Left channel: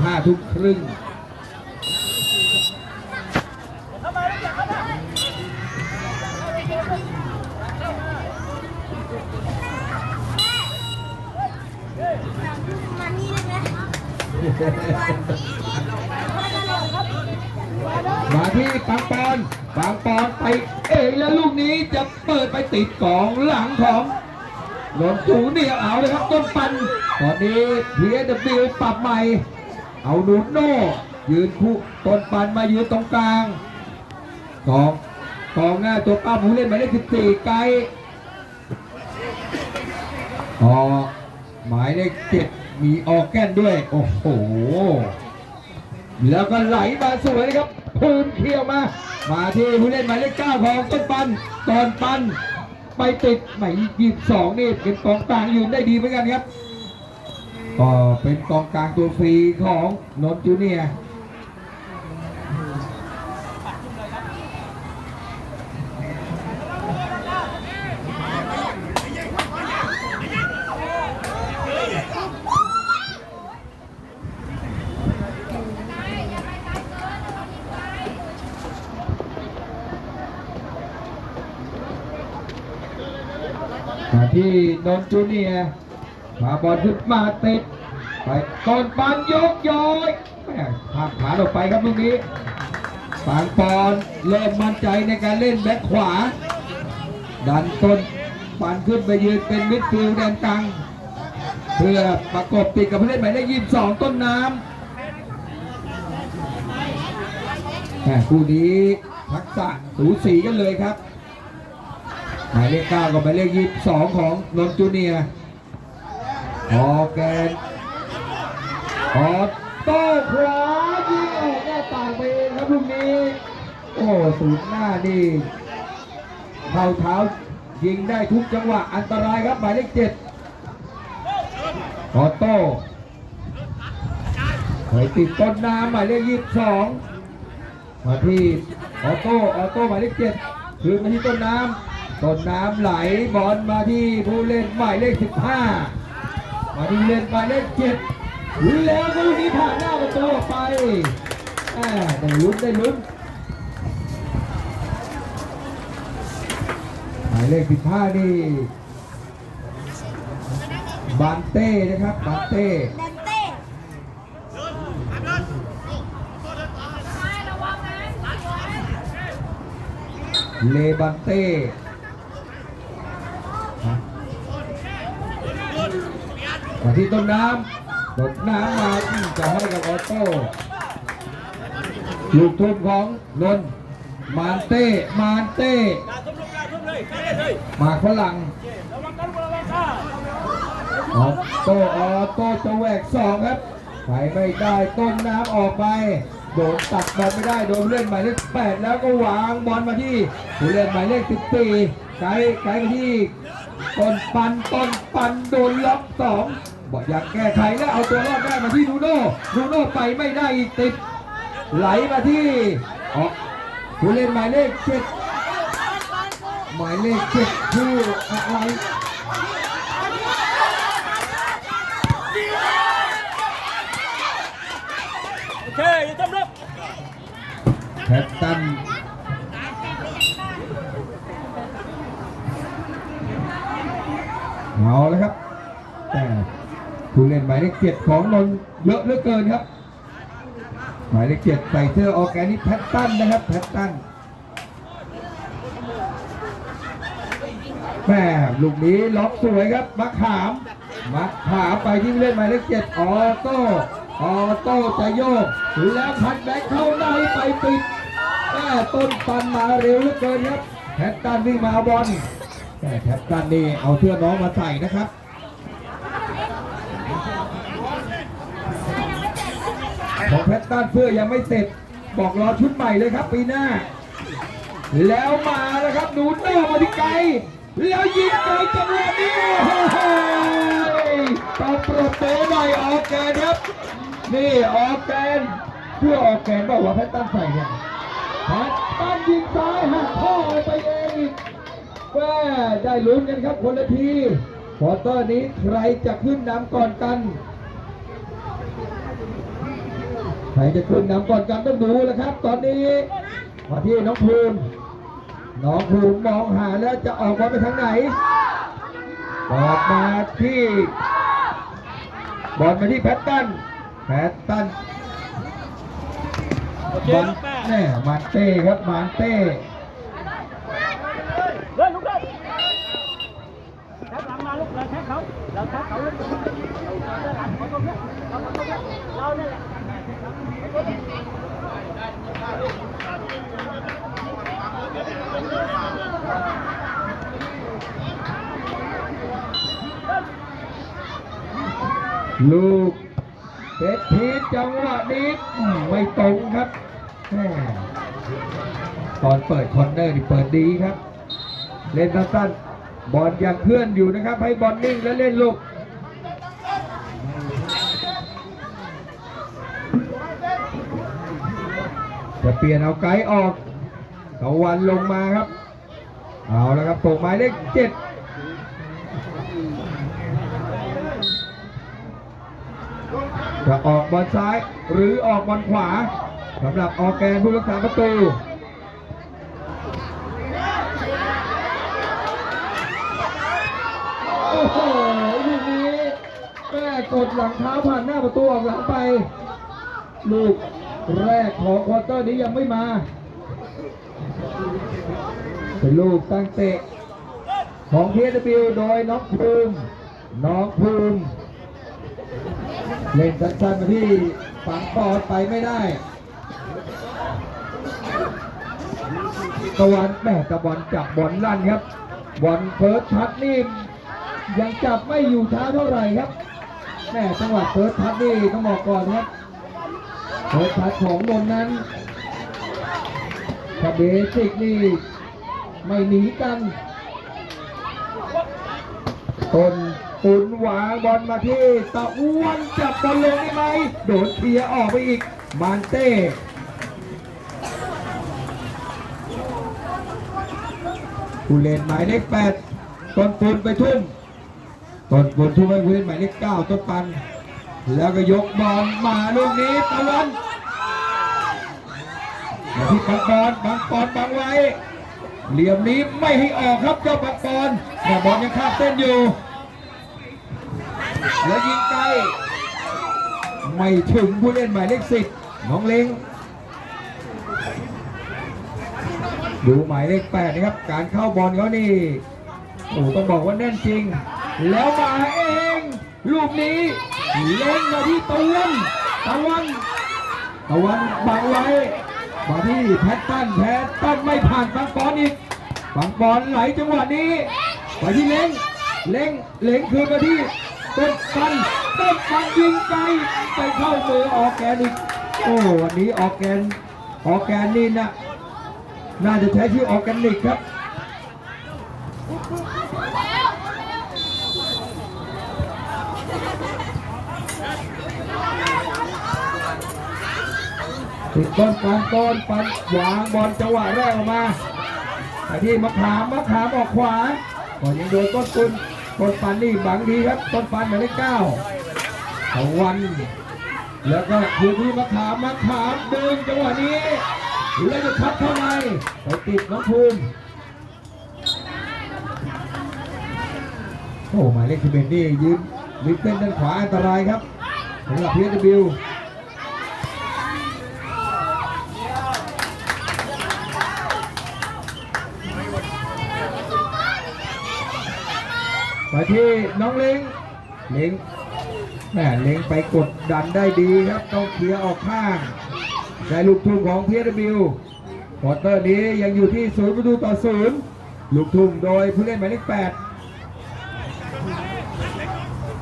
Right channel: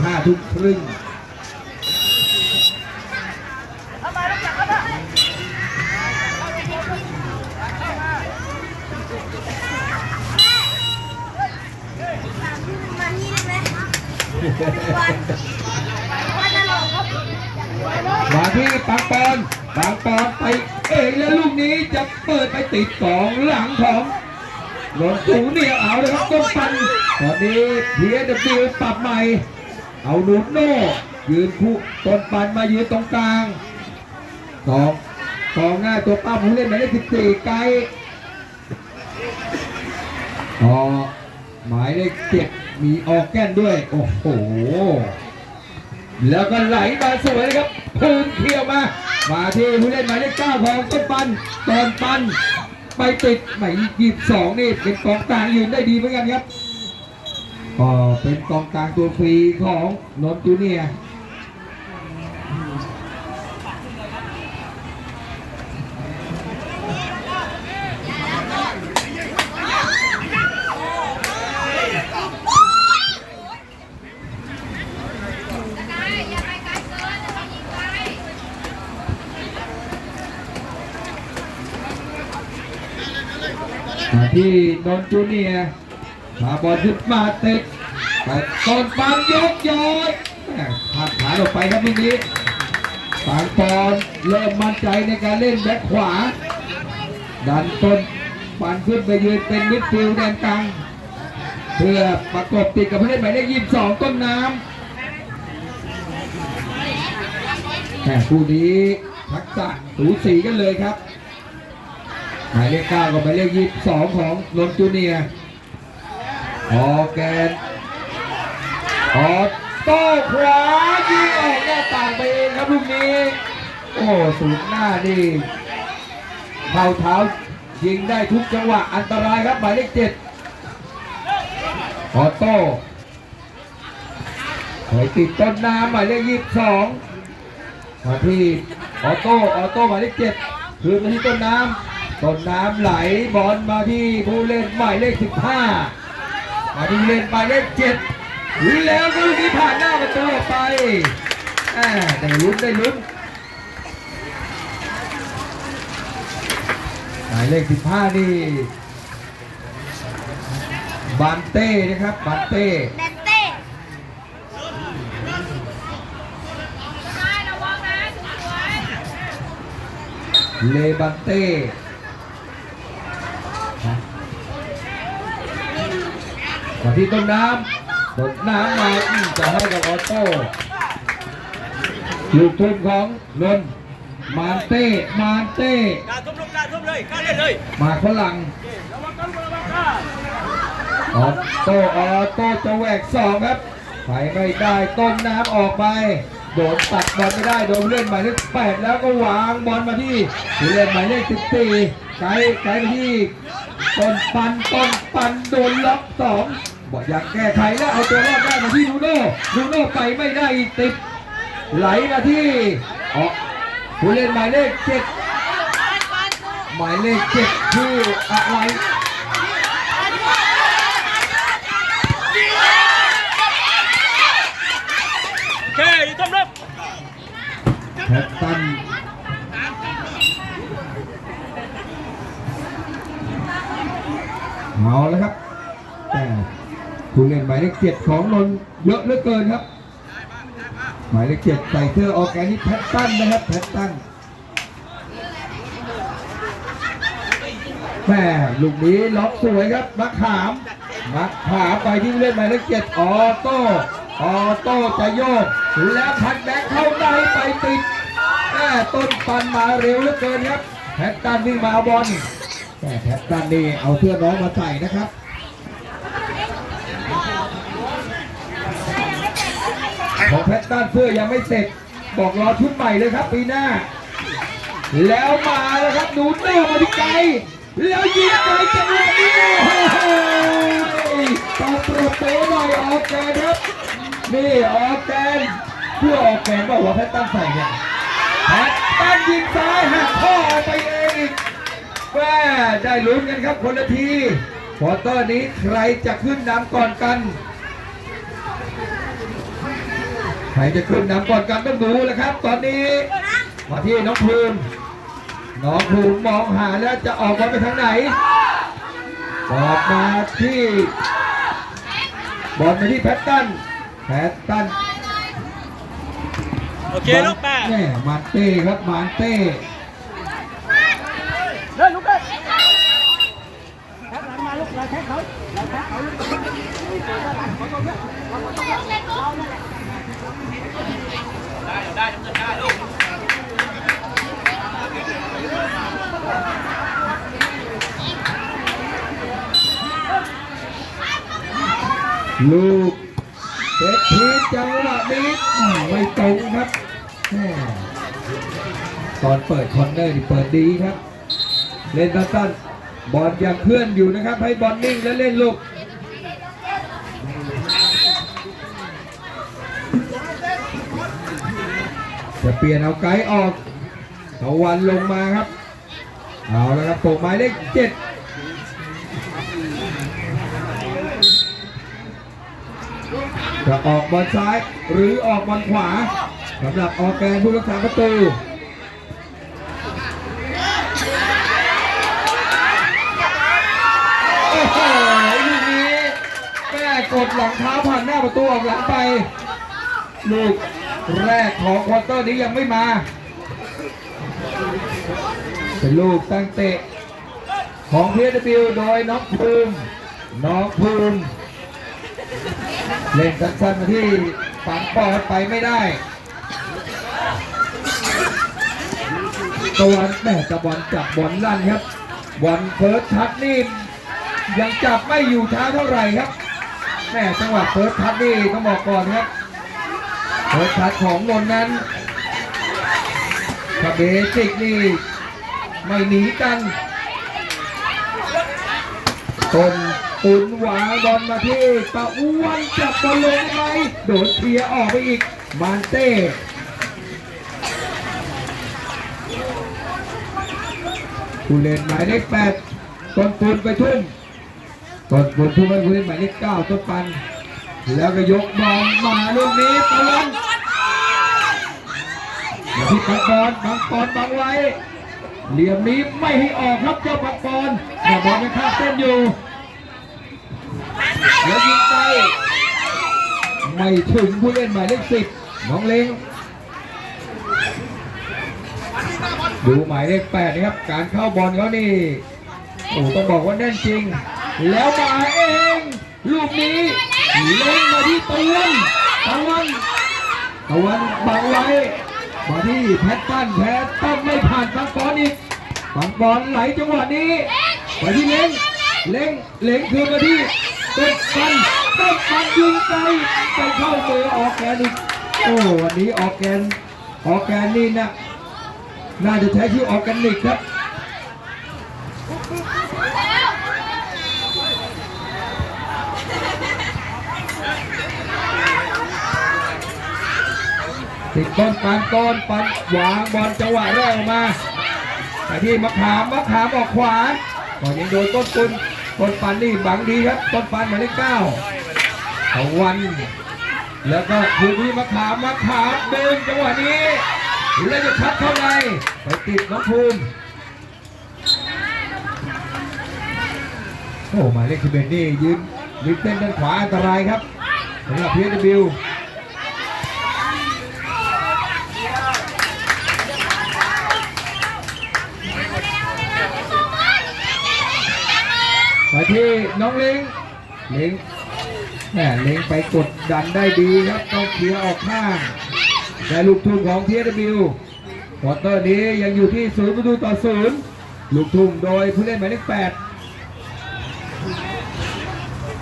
ห้าทุ่มครึ่งมานี่ได้ไหมมาตลอดครับมาที่ปังปอนปังปอนไปเองแล้วลูกนี้จะเปิดไปติดกองหลังของหลงปู่เนี่ยเอาเลยครับต้นปันตอนนี้เพียดบิวปรับใหม่ เอาหนุนโน่ยืนคู่ต้นปันมายืนตรงกลางกองกองหน้าตัวเป้าผู้เล่นหมายเลขสิบสี่ไกลต่อหมายเลขเจ็ดมีออกแก้นด้วย โอ้โห แล้วก็ไหลมาสวยครับพื้นเที่ยวมา มาที่ผู้เล่นหมายเลขเก้าของต้นปันตอนปัน ไปติดหมายยี่สิบสองนี่เป็นกองกลางยืนได้ดีเหมือนกันครับ ก็เป็นกองกลางตัวฟรีของนนจูเนียที่นนจูเนีย มาบอลขึ้นมาติดไปต้นปันยกย้อยแม่ทางขาออกไปครับลูกนี้ปางปอนเริ่มมั่นใจในการเล่นแบ็คขวา ดันต้นปันขึ้นไปยืนเป็นมิดฟิลด์แดนกลางเพื่อประกบติดกับผู้เล่นหมายเลขยี่สิบสองต้นน้ำแต่คู่นี้ทักษะสูสีกันเลยครับหมายเลขเก้ากับหมายเลขยี่สิบสองของนนจูเนียร์ ออกแกนออกโต้ขวายิงออกหน้าต่างไปเองครับลูกนี้ โอ้สูงหน้านี่เท้าเท้ายิงได้ทุกจังหวะอันตรายครับหมายเลขเจ็ดออโต้ไปติดต้นน้ำหมายเลขยี่สิบสองมาที่ออโต้ออโต้หมายเลขเจ็ดคืนมาที่ต้นน้ำต้นน้ำไหลบอลมาที่ผู้เล่นหมายเลข15 มาที่ผู้เล่นหมายเลข7แล้วก็ลูกนี้ผ่านหน้าประตูออกไปอ่าได้ลุ้นได้ลุ้นหมายเลข15นี่บานเต้นะครับบานเต้แดนเต้เลบานเต้ มาที่ต้นน้ำต้นน้ำมาจะให้กับออโต้ลูกทุ่มของนนมานเต้มานเต้การทุบลูกการทุบเลยการเล่นเลยมาฝรั่งออโต้ออโต้จะแหวกสองครับไปไม่ได้ต้นน้ำออกไปโดนตัดบอลไม่ได้โดนเล่นหมายเลขแปดแล้วก็วางบอลมาที่ผู้เล่นหมายเลขสิบสี่ไกลไกลมาที่ต้นปันต้นปันโดนล็อกสอง บอกอยากแก้ไขแล้วเอาตัวรอดได้มาที่นูโน่นูโน่ไปไม่ได้ติด ไหลมาที่ออกผู้เล่นหมายเลขเจ็ดหมายเลขเจ็ดชื่ออะไรโอเคอย่ต้มลูกแพตตันเอาแล้วครับแต่ ผู้เล่นหมายเลขเจ็ดของนนเยอะเหลือเกินครับ หมายเลขเจ็ดใส่เสื้อออแกนิกแพตตันนะครับแพตตันแม่ลูกนี้ล็อกสวยครับนักขามนักขามไปที่เล่นหมายเลขเจ็ดออโต้ออโต้จะโยกแล้วพัดแบ็คเข้าในไปติดแม่ต้นปันมาเร็วเหลือเกินครับแพตตันวิ่งมาเอาบอลแม่แพตตันนี่เอาเสื้อน้องมาใส่นะครับ ของแพตตันเสื้อยังไม่เสร็จ บอกรอชุดใหม่เลยครับปีหน้า แล้วมาแล้วครับหนูโต้มาที่ไกลแล้วยิงไปจังหวะนี้โอ้โหต้องปรบมือหน่อยออกแกนครับ นี่ออกแกนเพื่อออกแกนว่าหัวแพตตันใส่เนี่ยแพตตันยิงซ้ายหักข้อออกไปเองอีกแม่ได้ลุ้นกันครับคนละทีควอเตอร์นี้ใครจะขึ้นนำก่อนกัน ใครจะขึ้นนำก่อนกันต้องดูแล้วครับ ตอนนี้มาที่น้องภูมิน้องภูมิมองหาแล้วจะออกบอลไปทางไหนออกมาที่บอลมาที่แพตตันแพตตันโอเคลูกแม่แม่มานเต้ครับมานเต้เดินลูกเดินแท็กหลังมาลูกเราแท็กเขาเราแท็กเขาเลยลู ลูกเซตทีจังหวะนี้ไม่ตรงครับ ตอนเปิดคอนเนอร์นี่เปิดดีครับ เล่นสั้นๆบอลยังเคลื่อนอยู่นะครับ ให้บอลนิ่งแล้วเล่นลูก จะเปลี่ยนเอาไกด์ออกตะวันลงมาครับ เอาแล้วครับตัวหมายเลขเจ็ดจะออกบอลซ้ายหรือออกบอลขวาสำหรับออกแกนผู้รักษาประตูโอ้โหลูกนี้แม่กดหลังเท้าผ่านหน้าประตูออกหลังไปลูก แรกของควอเตอร์นี้ยังไม่มา เป็นลูกตั้งเตะ ของเพียร์บิวโดยน้องภูมิน้องภูมิเล่นสั้นๆมาที่ฝังปอดไปไม่ได้ตะวันแม่ตะบอลจับบอลลั่นครับบอลเฟิร์สทัชนี่ยังจับไม่อยู่ช้าเท่าไหร่ครับแม่จังหวะเฟิร์สทัชนี่ต้องบอกก่อนครับ เฟิร์สทัชของนนนั้นถ้าเบสิกนี่ไม่หนีกันคนตุนหวาบอลมาที่ตะอ้วนจับบอลลงไปโดนเคลียออกไปอีกมานเต้ผู้เล่นหมายเลขแปดต้นปุนไปทุ่มต้นปุนทุ่มไปผู้เล่นหมายเลขเก้าต้นปัน แล้วก็ยกบอลมาลูกนี้ตะวันมาที่บังบอลบังบอลบังไว้ เหลี่ยมนี้ไม่ให้ออกครับเจ้าบังบอลแต่บอลยังข้ามเส้นอยู่แล้วยิงไกลไม่ถึงผู้เล่นหมายเลขสิบน้องเล้งดูหมายเลขแปดนะครับ การเข้าบอลเขานี่โอ้ต้องบอกว่าแน่นจริง แล้วมาเอง ลูกนี้ ล้งมาที่ตะวันตะวันตะวันบังไว้มาที่แพทตันแพทตันไม่ผ่านบังบอลอีกบังบอลไหลจังหวะนี้ไปที่เล้งเล้งเล้งคืนมาที่ต้นปันต้นปันยิงไกลไปเข้ามือออกแกนอีกโอ้วันนี้ออกแกนออกแกนนี่นะน่าจะใช้ชื่อออกแกนิกครับ ติดต้นปันต้นปันวางบอลจังหวะแรกออกมาไปที่มะขามมะขามออกขวาก่อนยังโดนต้นตุนต้นปันนี่บังดีครับ ต้นปันหมายเลขเก้าตะวัน แล้วก็คืนที่มะขามมะขามเดินจังหวะนี้แล้วจะชัดเข้าในไปติดน้องภูมิโอ้หมายเลขสิบเอ็ดนี่ยืนยืนเต้นด้านขวาอันตรายครับสำหรับพีเอสบิว ไปที่น้องลิงลิงแหมลิงไปกดดันได้ดีครับต้องเคลียร์ออกข้างแต่ลูกทุ่งของเทีเอสบิวควอเตอร์นี้ยังอยู่ที่ศูนย์ประตูต่อศูนย์ลูกทุ่งโดยผู้เล่นหมายเลขแปด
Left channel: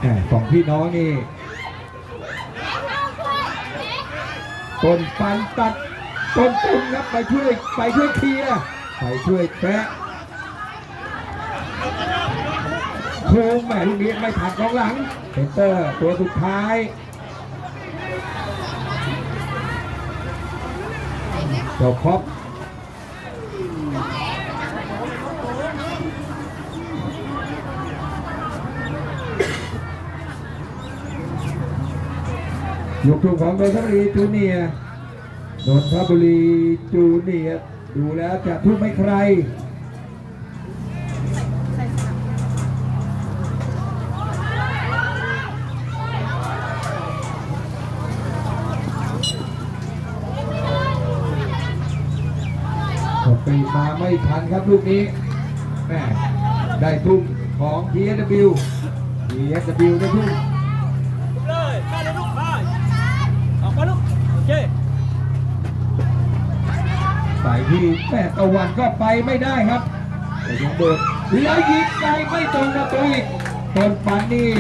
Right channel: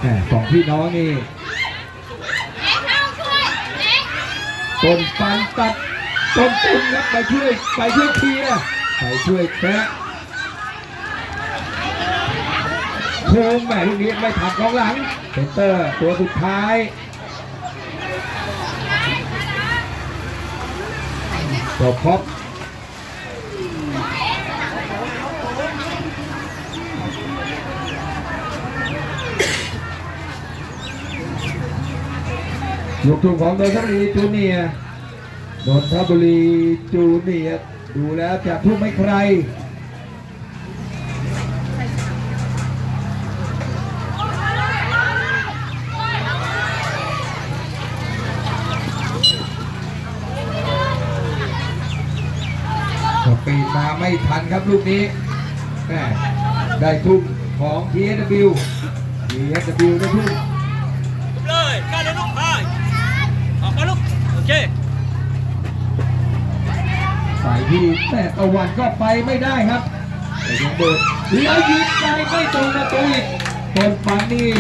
แหม่สองพี่น้องนี่ต้นปันตัดต้นตุนครับไปช่วยไปช่วยเคลียร์ไปช่วยแกะ โค้งแหม่ลูกนี้ไม่ถักกองหลังเซนเตอร์ตัวสุดท้ายตัวพ็อปลูกทุ่งของนนทบุรีจูเนียร์นนทบุรีจูเนียดูแล้วจะทุ่มให้ใคร ทันครับลูกนี้แม่ได้ทุ่มของ TSW TSW ได้ทุ่มเลยกล้าเลยลูกไปออกมาลูกโอเคสายที่แม่ตะวันก็ไปไม่ได้ครับแต่ยังเดินแล้วยิงไปไม่ตรงประตูอีกต้นปันนี่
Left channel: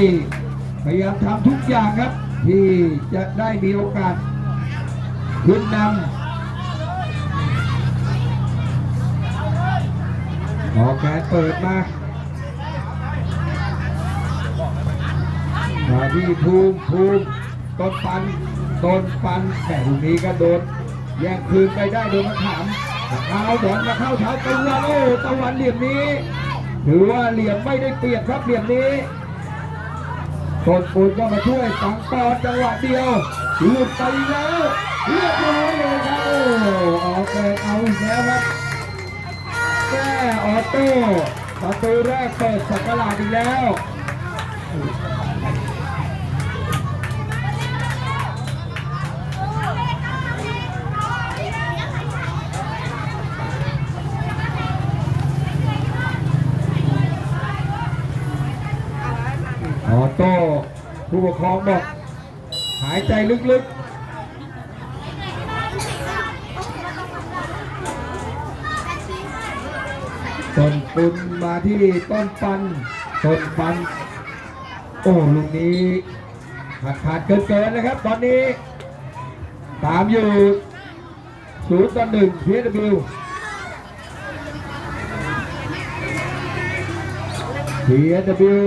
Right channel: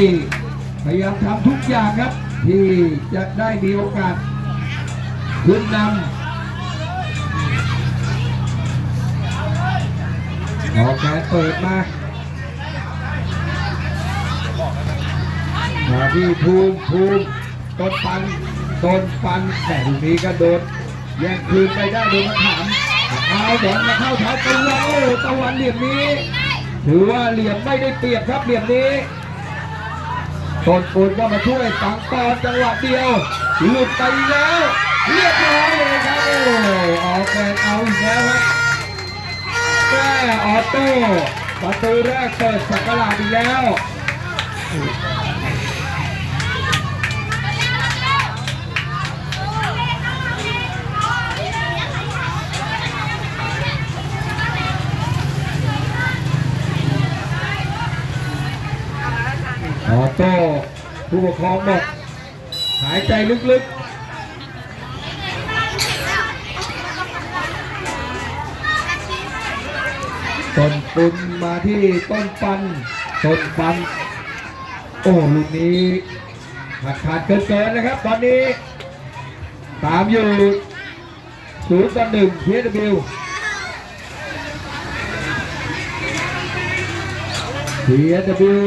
พยายามทำทุกอย่างครับ ที่จะได้มีโอกาสขึ้นนำ ออกแกนเปิดมามาที่ภูมิภูมิต้นปันต้นปันแต่ตรงนี้ก็โดนแย่งคืนไปได้โดนมาถามเอาแดงมาเข้าเท้าตะวันโอ้ตะวันเหลี่ยมนี้ถือว่าเหลี่ยมไม่ได้เปรียบครับเหลี่ยมนี้ต้นปูนก็มาช่วยสังตอนจังหวะเดียวหลุดไปแล้วเรียบร้อยเลยครับอออกแรงเอาอีกแล้วครับ แม่ออโต้ประตูแรกเปิดสักราชอีกแล้วออโต้ผู้ปกครองบอกหายใจลึกๆ ต้นปุนมาที่ต้นปันต้นปัน โอ้ลูกนี้ขาดขาดเกินเกินๆนะครับ ตอนนี้ตามอยู่ศูนย์ต่อหนึ่งพีเอวิวพีเอวิว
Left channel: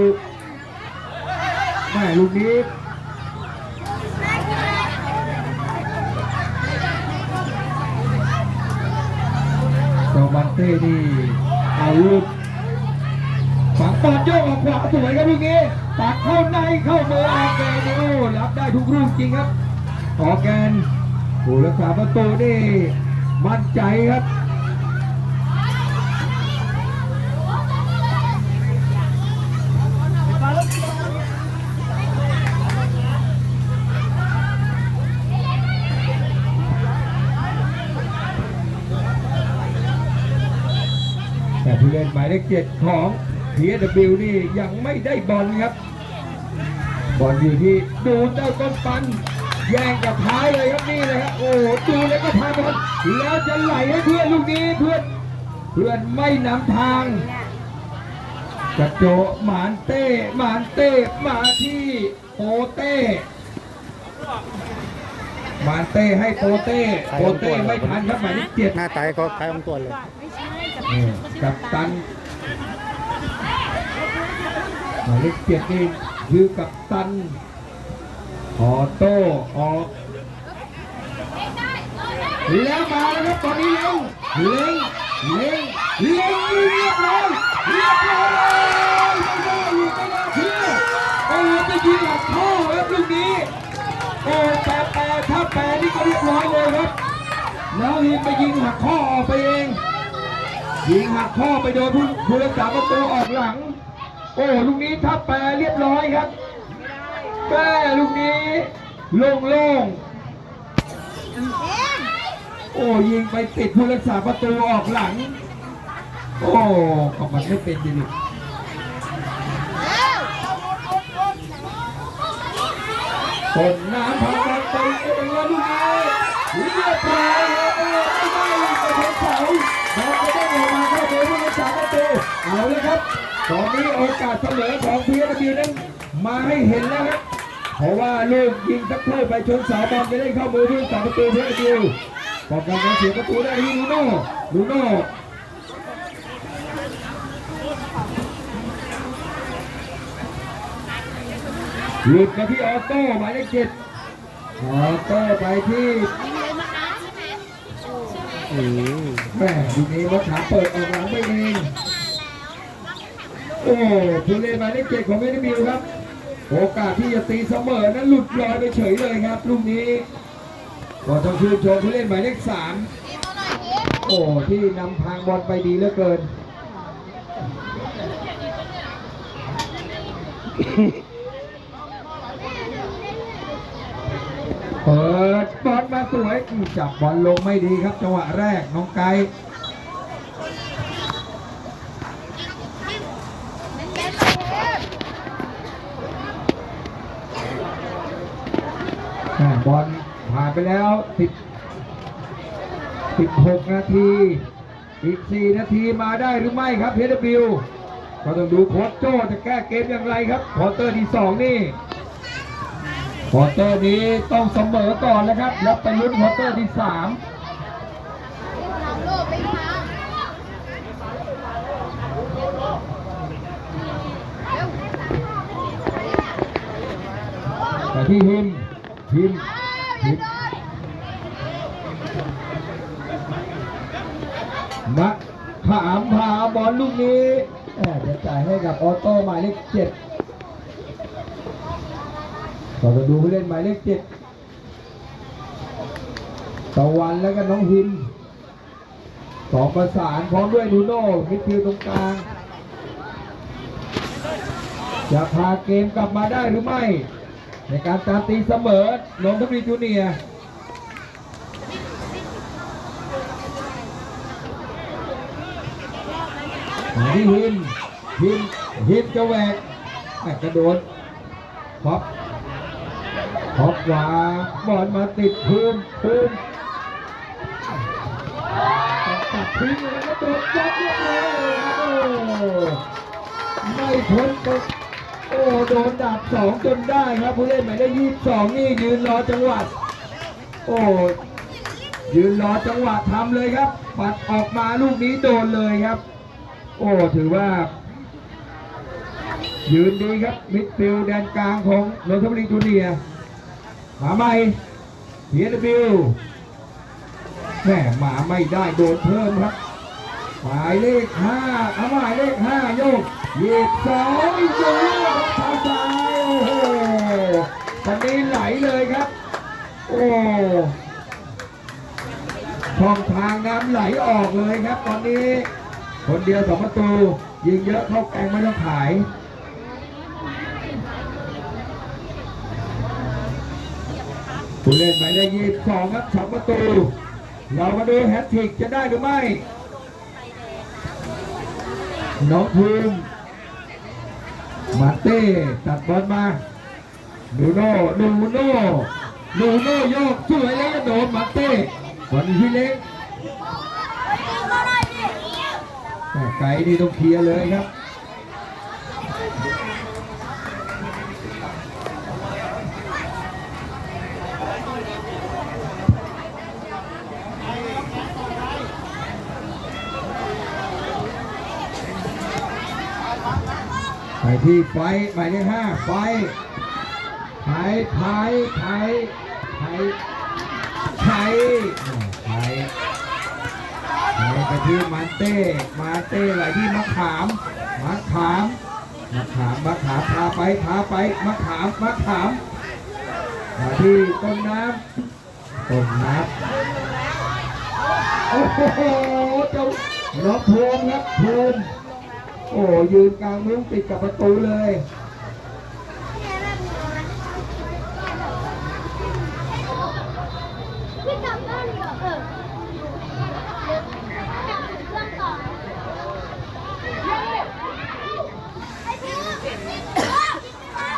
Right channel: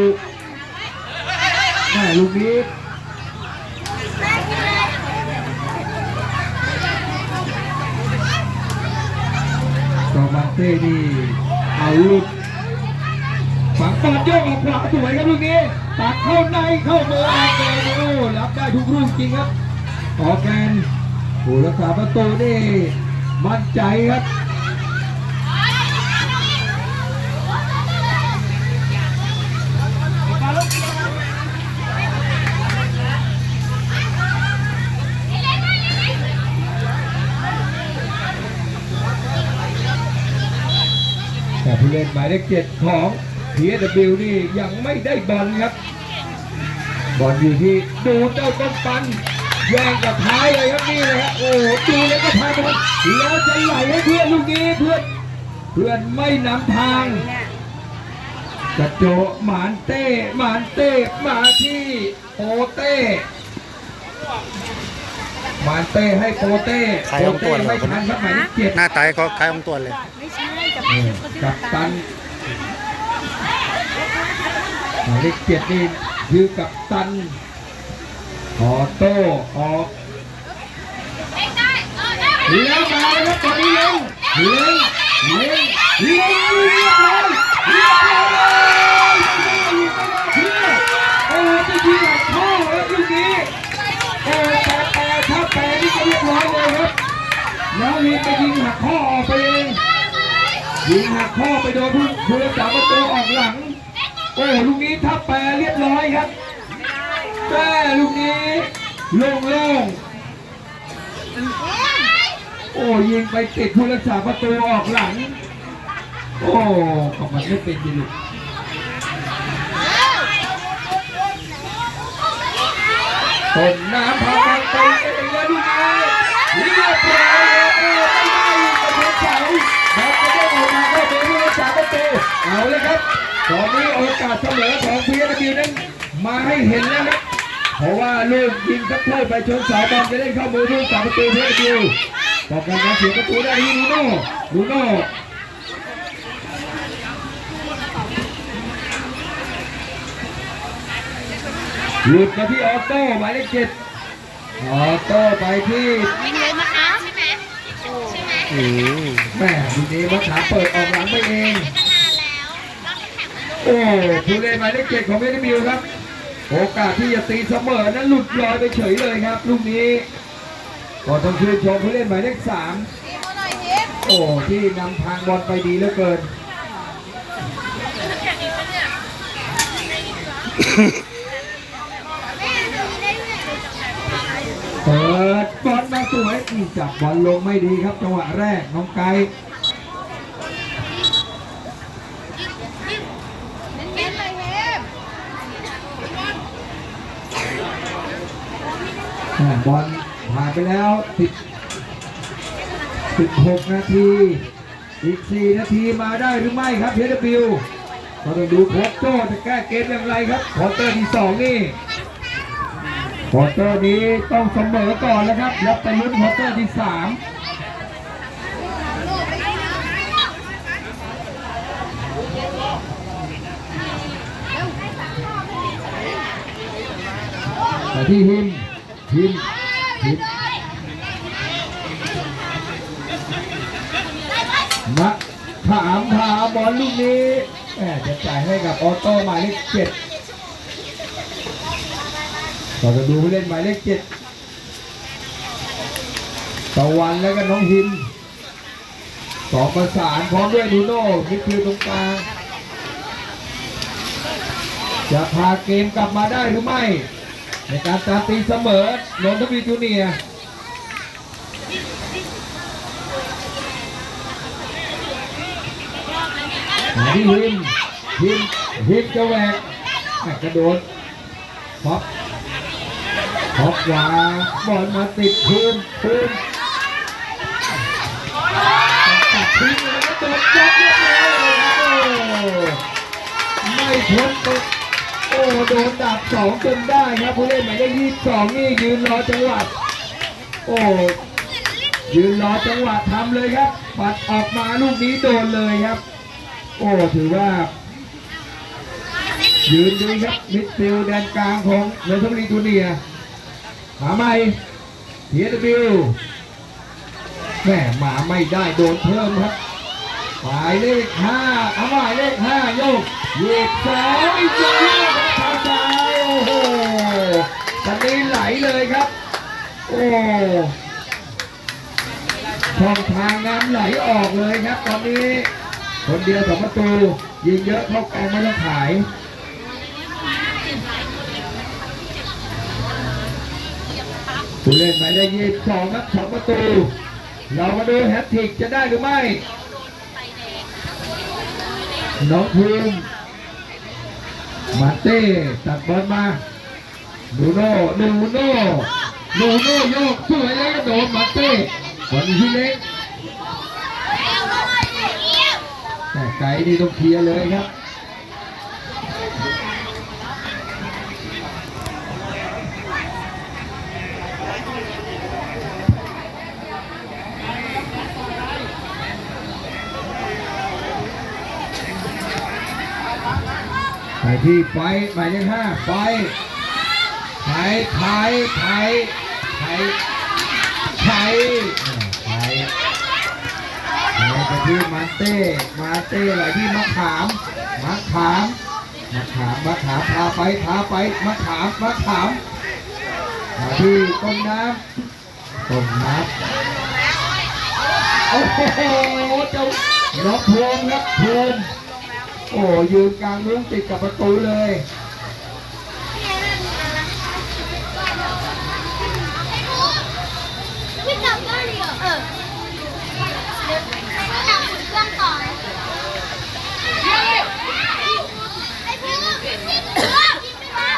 แม่ลูกนี้จอมันเต้นี่ เอาลูกฝังปาดโยกออกขวาสวยครับลูกนี้ตักเข้าในเข้ามือออกแกนโอ้รับได้ทุกลูกจริงครับออกแกนผู้รักษาประตูนี่มั่นใจครับ มาลูก แต่ ผู้เล่นหมายเลขเจ็ดของ PSW นี่ยังไม่ได้บอลครับ บอลอยู่ที่ดูเจ้าต้นปันแย่งกับท้ายเลยครับนี่เลยครับโอ้โหดูแล้วก็พาบอลแล้วจะไหลให้เพื่อนลูกนี้เพื่อนเพื่อนไม่นำทางกระโจหมานเต้หมานเต้มาที่โปเต้หมานเต้ให้โปเต้ครโปเอาตัเต้วเหรอไม่ทันครับหมายเลขเจ็ดหน้าตาก็คล้ายองตัวเลย กับตันหมายเลขเจ็ดนี่คือกับตันออโต้ออกแล้วมาแล้วครับตอนนี้เร็วเร็วเร็วเร็วเรียบร้อยเรียบร้อยไม่ได้อีกไม่ได้เชื่อโอ้จะยิงหลักข้อครับลูกนี้โอ้แต่แต่ถ้าแปรนี่ก็เรียบร้อยเลยครับแล้วนี่ไปยิงหักข้อออกไปเอง ยิงหักข้อไปโดนผู้ผู้รักษาประตูออกหลัง โอ้ลูกนี้ทับแปรเรียบร้อยครับแม่ลูกนี้โล่งโล่งๆโอ้ยิงไปติดผู้รักษาประตูออกหลัง โอ้ก็มันไม่เป็นดีลูกต้นน้ำพาไปไปเองแล้วลูกนี้เรียบร้อยเลยไม่ได้ลูกไปเฉย ๆแล้วก็ได้ออกมาได้เป็นผู้รักประตูเอาเลยครับตอนนี้โอกาสเสมอของพีเอสบีนั้นมาให้เห็นแล้วครับเพราะว่าลูกยิงสักโทษไปชนเสาบอลจะเล่นเข้ามือลูกสามประตูพีเอสบีป้องกันการเสียประตูได้ที่ลูโน่ลูโน่หลุดมาที่ออโต้หมายเลขเจ็ดออโต้ไปที่ อืมแม่ทีนี้มัขาเปิดออกหลังไปเองโอ้ผู้เล่นหมายเลขเจ็ดของเวนิมิวครับ โอกาสที่จะตีเสมอนั้นหลุดลอยไปเฉยเลยครับลูกนี้ก็ต้องชื่นชมผู้เล่นหมายเลขสามโอ้ที่นำทางบอลไปดีเหลือเกิน เปิดบอลมาสวยอีจับบอลลงไม่ดีครับจังหวะแรกน้องไก่บอลผ่านไปแล้วสิบสิบหกนาที อีก 4 นาทีมาได้หรือไม่ครับเพชรบิวก็ต้องดูโค้ชโจ้จะแก้เกมอย่างไรครับควอเตอร์ที่สองนี่ ควอเตอร์นี้ต้องเสมอก่อนแล้วครับ แล้วไปลุ้นควอเตอร์ที่สามแต่ที่หิมหิมหิมนะถามถามบอลลูกนี้แหมจะจ่ายให้กับออโต้หมายเลขเจ็ด เราจะดูผู้เล่นหมายเลขเจ็ดตะวันแล้วก็น้องหินสองประสานพร้อมด้วยนูโน่มิดฟิลตรงกลาง จะพาเกมกลับมาได้หรือไม่ ในการตามตีเสมอนนทบุรีจูเนียร์มาที่หินหินหินจะแหวกกระโดดพอป ออกขวาบอลมาติดพื้นพื้นตัดทิ้งเลยแล้วโดนยัดเรียบร้อยเลยโอ้ไม่พ้นตัวโอ้โดนดับสองจนได้ครับผู้เล่นหมายเลขยี่สิบสองนี่ยืนรอจังหวะโอ้ยืนรอจังหวะทำเลยครับปัดออกมาลูกนี้โดนเลยครับ โอ้ถือว่า ยืนดีครับมิดฟิลด์แดนกลางของเนเธอร์แลนด์จูเนียร์ มาใหม่เทียนบิวแม่หมาไม่ได้โดนเพิ่มครับหมายเลขห้าเอาหมายเลขห้าโยกเหยียบสองอีกทีทางซ้ายโอ้โหตอนนี้ไหลเลยครับ โอ้ช่องทางน้ำไหลออกเลยครับ ตอนนี้ คนเดียวสองประตูยิงเยอะเข้าแกงไม่ต้องขาย ผู้เล่นหมายเลขยี่สิบสองครับสองประตู เรามาดูแฮตทริกจะได้หรือไม่น้องภูมิมาเต้ตัดบอลมาดูโน่ดูโน่ดูโน่โยกสวยแล้วก็โดนมาเต้บอลที่เล็กแต่ไกด์นี่ต้องเคลียร์เลยครับ ที่ไฟหมายเลขห้าไฟไทยไทยไทยไทยไทยไทยไปที่มาเต้มาเต้ไหลที่มะขามมะขามมะขามมะขามพาไปพาไปมะขามมะขามมาที่ต้นน้ำต้นน้ำโอ้โหเจ้าล็อกพวงครับพวง โอ้ยืนกลางมุ้งติดกับประตูเลย วิ่งกลับบ้านเลยเหรอเออเดี๋ยวตามขุนเครื่องต่อนะเฮ้ยไอ้เพื่อนวิ่งวิ่งวิ่งไปมา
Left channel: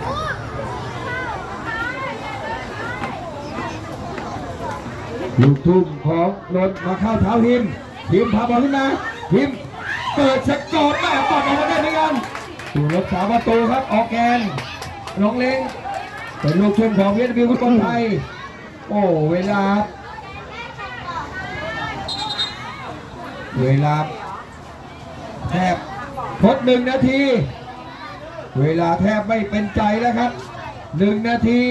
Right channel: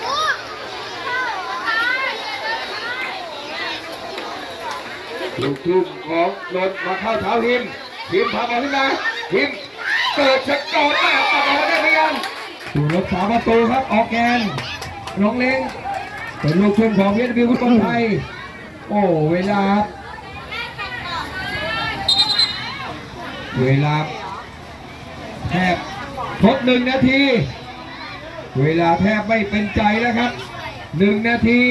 โอ้ ลูกทุ่มของรถมาเข้าเท้าหิมหิมพาบอลขึ้นมาหิมเกิดสกอร์แม่ปัดออกมาได้ไหมยังสู่รถสามประตูครับออกแกนน้องเล้งเป็นลูกทุ่มของเวียดบิวฟุตบอลไทยโอ้เวลา เวลาแทบครบหนึ่งนาที เวลาแทบไม่เป็นใจแล้วครับหนึ่งนาที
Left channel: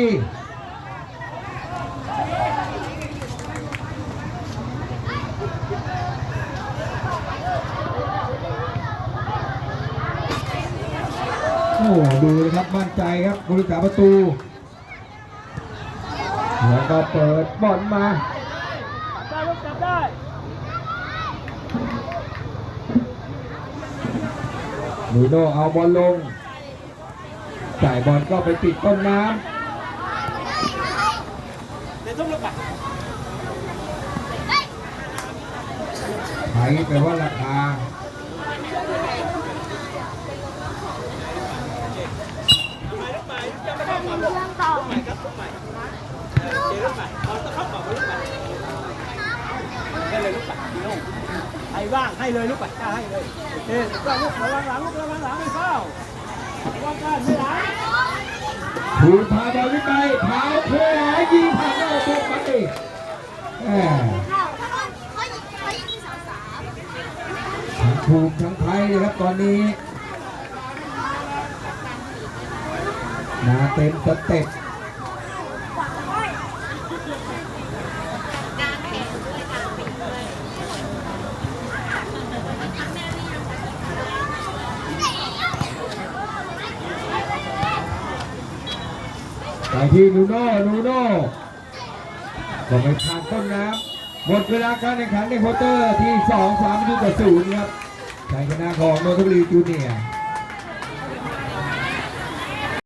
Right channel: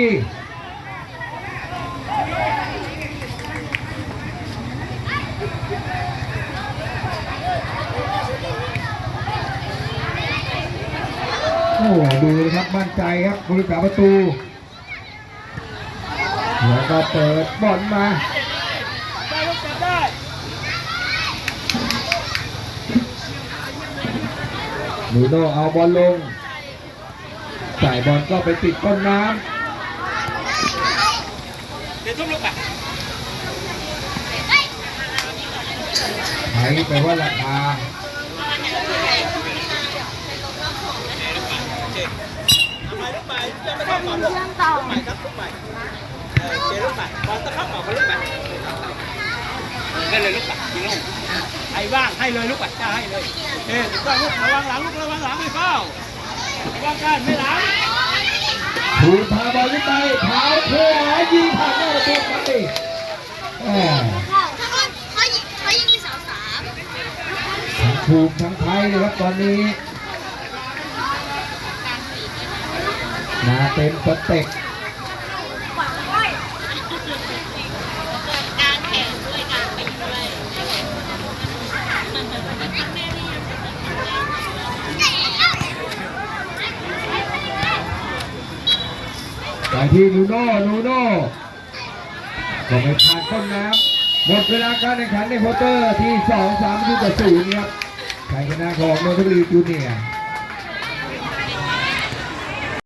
โอ้โหดูนะครับ มั่นใจครับบริการประตูแล้วก็เปิดบอลมาได้ลูกจับได้นูโนเอาบอลลงจ่ายบอลก็ไปติดต้นน้เดี๋ยวทุ่มลูกไปำไทยแปลว่าราคาได้เลยลูกไปพี่น้องไอ้ว่างให้เลยลูกไปกล้าให้เลยเฮ้ยต้องลูกระวังหลังลูกระวังหลังไม่เข้าระวังการไม่หลังถูกพาบอลขึ้นไปเท้าขวายิงผ่านหน้าประตูไปเขายิงเขายิงที่สามสามทั้งภูมิทั้งไทยเลยครับตอนนี้ มาเต็มสเต็ปไปที่นูโน่นูโน่จะไม่ผ่านต้นน้ำหมดเวลาการแข่งขันในควอเตอร์ที่ 2 3 0ต่อ0ครับชัยชนะของนนทบุรีจูเนียร์